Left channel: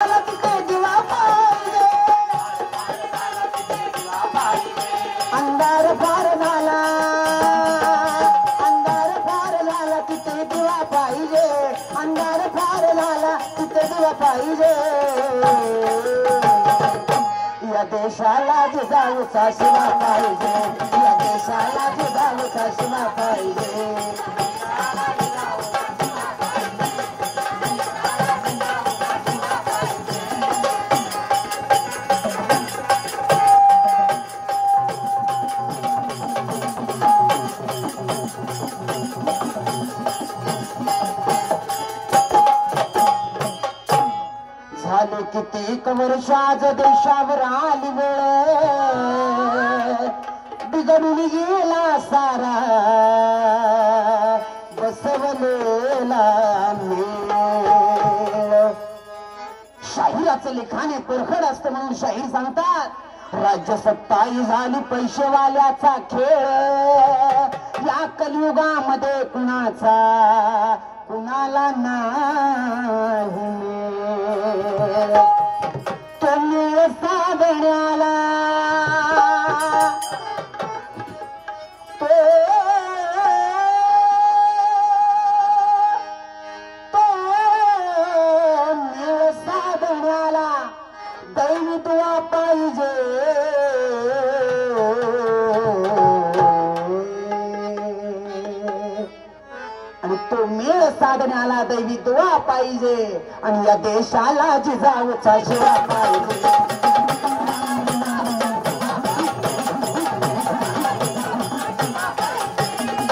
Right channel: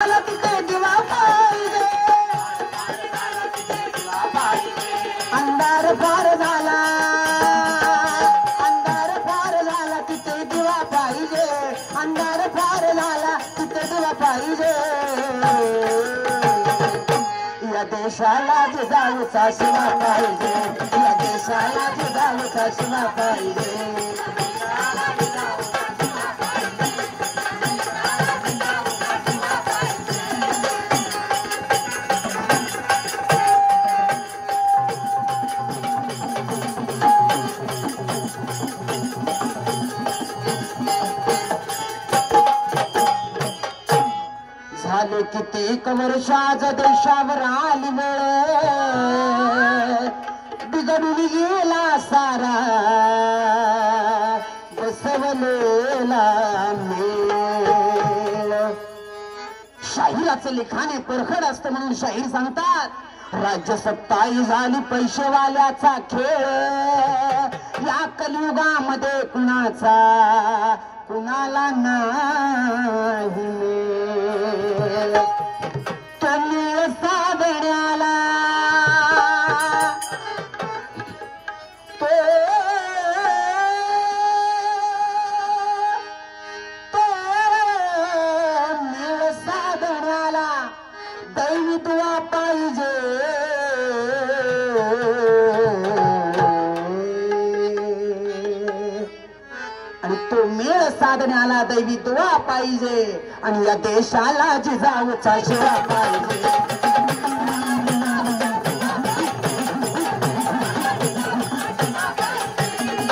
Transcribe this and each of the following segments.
तिथे दिवा पाहिजे, अंधार फार झाला, अंधार फार झाला तिथे दिवा पाहिजे, अंधार फार झाला तिथे दिवा पाहिजे. या देशाला जिजाऊचा शिवा पाहिजे, या देशाला जिजाऊचा शिवा पाहिजे. झाले कितीक वर्षाच देशावर आली वेळ, बिघडून गेला सारा बसवलेला मेळ. शाहिराचं लिखाण हे परखड असतं म्हणून शाहीर सांगतात, राज्य सत्ताही झाली पैसेवाल्याचा खेळ. या कलियुगामध्ये कुणाचा कुणाला नाही मेळ. तुम्ही साधण्याला तो मेळ साधण्याला दैवत्वा पाहिजे. आणि तो मेळ साधण्याला दैवी दुआ पाहिजे, आणि या देशाला जिजाऊचा शिवा पाहिजे.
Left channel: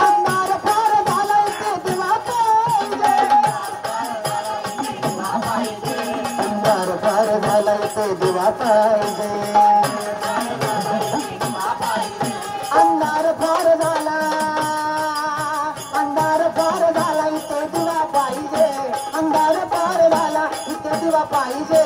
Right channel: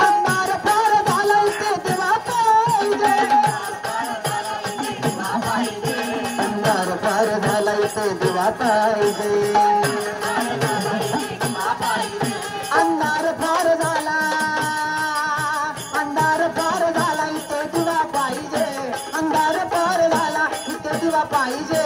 अंधार फार झाला इथे दिवा पाहिजे, अंधार फार झाला इथे दिवा पाहिजे. अंधार फार झाला, अंधार फार झाला इथे दिवा पाहिजे, अंधार फार झाला इथे दिवा पाहिजे.